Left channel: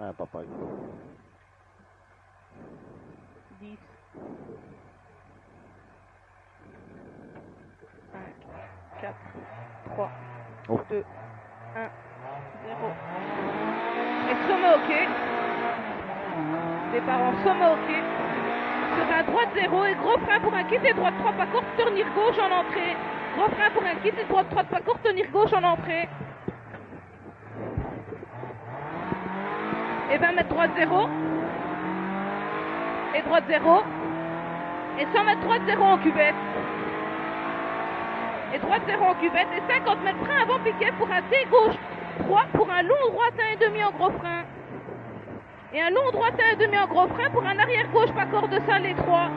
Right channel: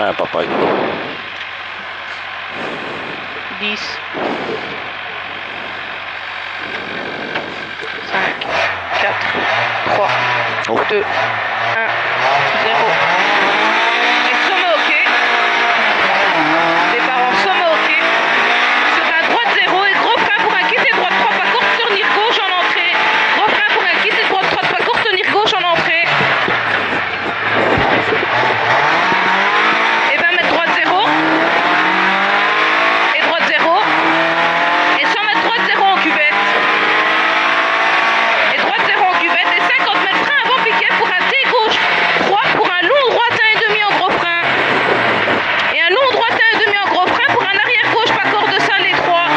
Ah, papaye. 10. 5, 4, 3, Oh. 2, 1, 0. Et sommet ok. Départ en sommet ok. Sur un droite 0 et gros frein pour un quitter droite 3 pas court, tenir gauche en entrée. Gros frein pour un quitter droite 3 pas court, tenir gauche en entrée. Et 20 mètres droite 0. Et droite 0. Et 100 mètres droite 0 en cuvette. Et droite 0 en cuvette. Et 50 mètres frein avant piquet pour un T gauche 3 pour un long droite 1,5 en gros frein. Et un long droite 1,5 en gros frein pour un arrière gauche pas corde de salle et 3.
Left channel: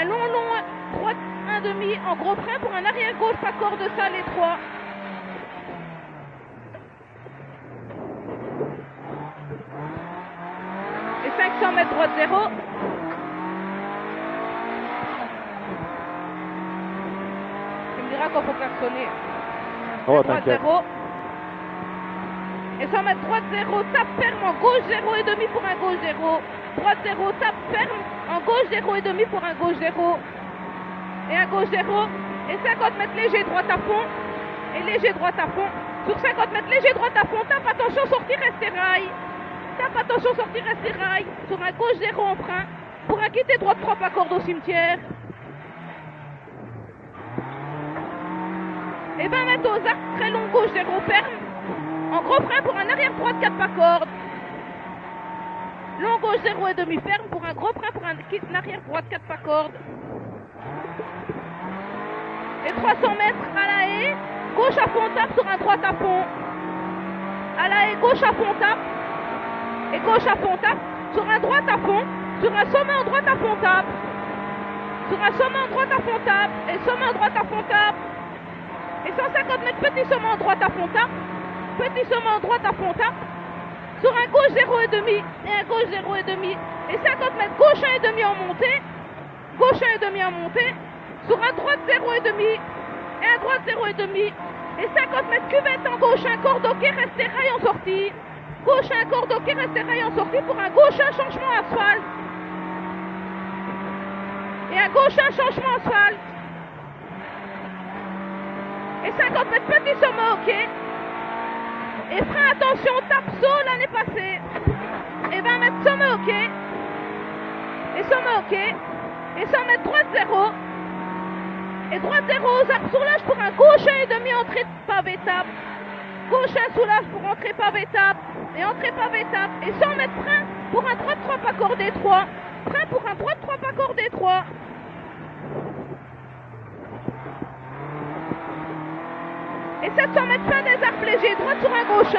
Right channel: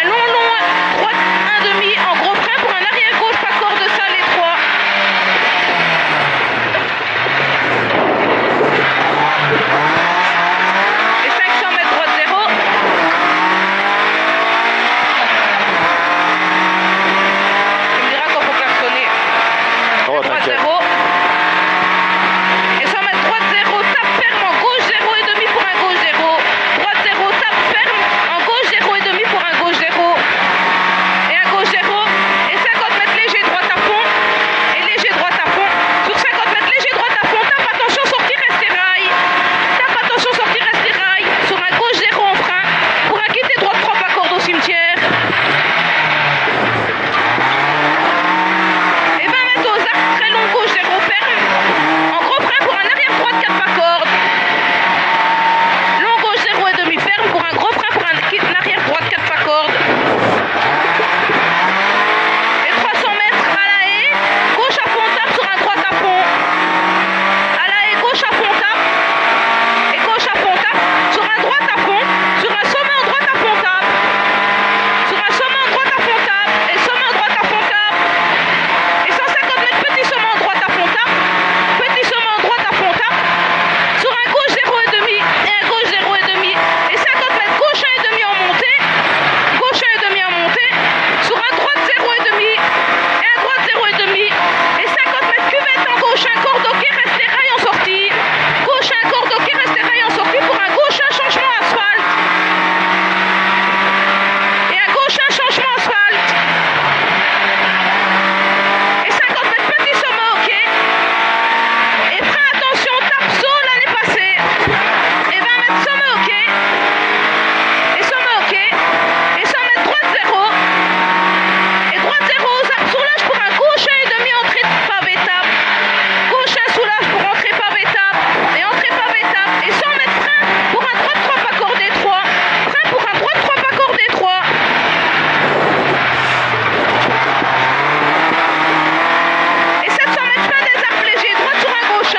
Un long droite 1,5 en gros frein pour un arrière gauche pas corde de salle et 3. Et 500 mètres droite 0. Tu me diras quand faut klaxonner. Oh, Droite t'inquiète. 0. Et 100 mètres droite 0, tape ferme en gauche 0,5 pour un gauche 0. Droite 0, tape ferme en gauche 0,5 pour un gauche 0. Et un gauche 0. Et 50 mètres léger droite à fond. Et léger droite à fond. Sur 50 mètres léger droite à fond, tape attention sortie rester rail. Tape attention sortie rester rail. Sur un gauche 0 en frein. Pour un quitter droite 3 pas corde au cimetière. Et 20 mètres aux arcs, très long gauche 0 ferme. En gros frein pour un arrière droite 4 pas corde. Long gauche 0,5 ferme pour un gros frein pour un arrière droite 4 pas corde. Et 300 mètres à la haie, gauche à fond tape sur un droite à fond. À la haie, gauche à fond tape. Et gauche à fond tape sur un droite à fond. Sur un sommet en droite à fond tape. Sur un sommet en droite à fond tape. Et sommet en droite à fond tape. Et 150 mètres petit sommet en droite à fond tape. Petit sommet en droite à fond tape. Sur un gauche 0,5 et un gauche 0,5. Et 50 mètres gauche 1,5 en montée. Gauche 1,5 en montée. Sur un droite 0,5 et un droite 0,5. Et 50 mètres cuvette en gauche 1 corde ok rester rail en sortie. Gauche 1 corde ok rester rail en sortie pour un gauche 1 changement asphalte. Et un gauche 1 changement asphalte. Et 50 mètres petit sommet ok. Et frein attention tape saut l'année passée. Et 20 mètres sommet ok. Et sommet ok. Et 100 mètres droite 0. Et droite 0 aux arbres soulage pour un gauche 1,5 entrée pavé tape. Gauche 1 soulage pour entrée pavé tape. Et entrée pavé tape. Et 100 mètres frein pour un droite 3 pas cordé 3. Frein pour un droite 3 pas cordé 3. Et 700 mètres fin des arbres légers, droite sur un gauche 1.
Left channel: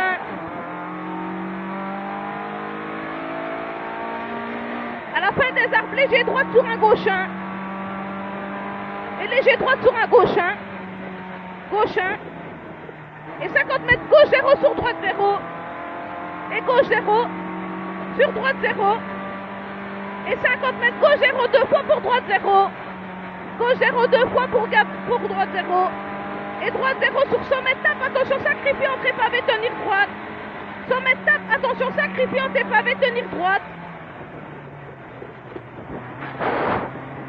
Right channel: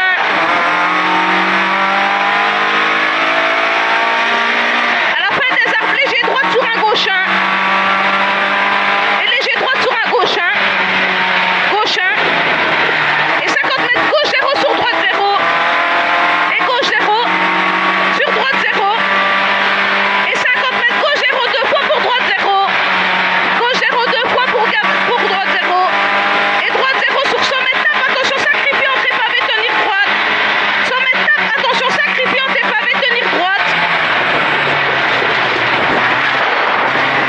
À la fin des arbres légers, droite sur un gauche 1. Et léger droite sur un gauche 1. Gauche 1. Et 50 mètres gauche 0 sur droite 0. Et gauche 0. Sur droite 0. Et 50 mètres gauche 0 deux fois pour droite 0. Gauche 0 deux fois pour droite 0. Et droite 0 sur sommet tape, attention sacrifié entrée pavé tenir droite. Sommet tape, attention sacrifié entrée pavé tenir droite.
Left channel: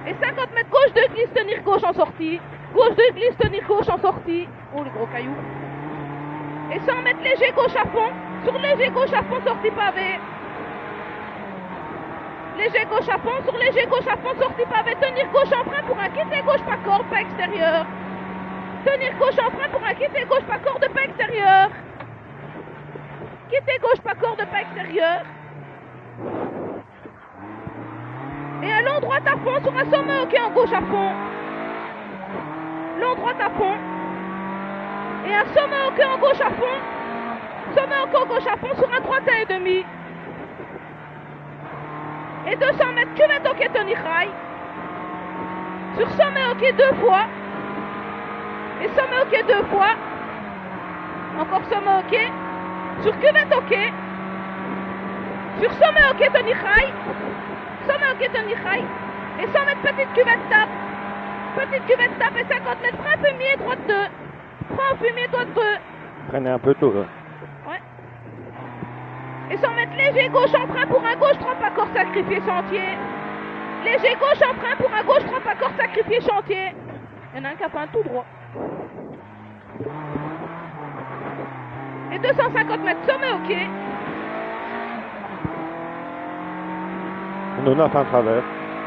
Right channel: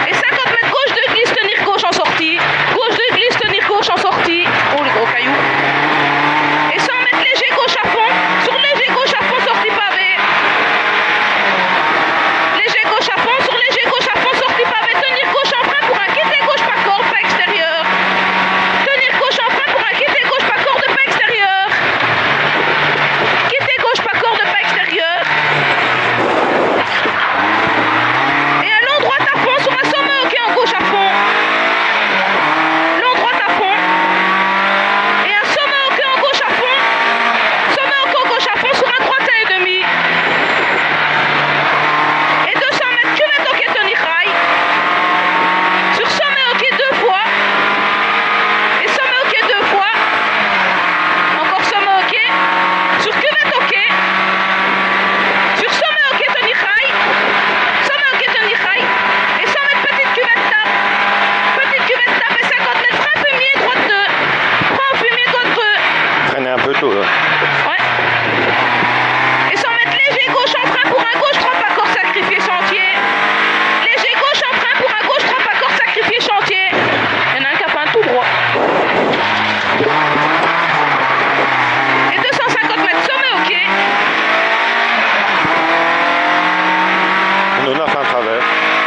Et 50 mètres gauche de glisse tenir gauche en sortie. Gauche de glisse tenir gauche en sortie. Oh les gros cailloux. Et 100 mètres léger gauche à fond. Sur léger gauche à fond sortie pavé. Léger gauche à fond, sur léger gauche à fond sortie pavé. Tenir gauche en frein pour un quitter gauche pas corde, pas extérieur. Tenir gauche en frein pour un quitter gauche pas corde, pas extérieur. Quitter gauche pas corde, pas extérieur. Et un long droite à fond sur un sommet ok en gauche à fond. Long droite à fond. Et un sommet ok en gauche à fond. Sommet ok en gauche à fond sur un droite 1,5. Et 200 mètres cuvette ok tenir rail. Sur sommet ok deux fois. Et sommet ok deux fois. Encore sommet ok. Sur cuvette ok. Sur sommet ok tenir rail. Sommet ok tenir rail. Et 100 mètres petite cuvette tape. Petite cuvette tape et 50 mètres frein fumier droite 2. Frein fumier droite 2. Traîner un peu tôt, là. Ouais. Et 100 mètres léger 9 à travers.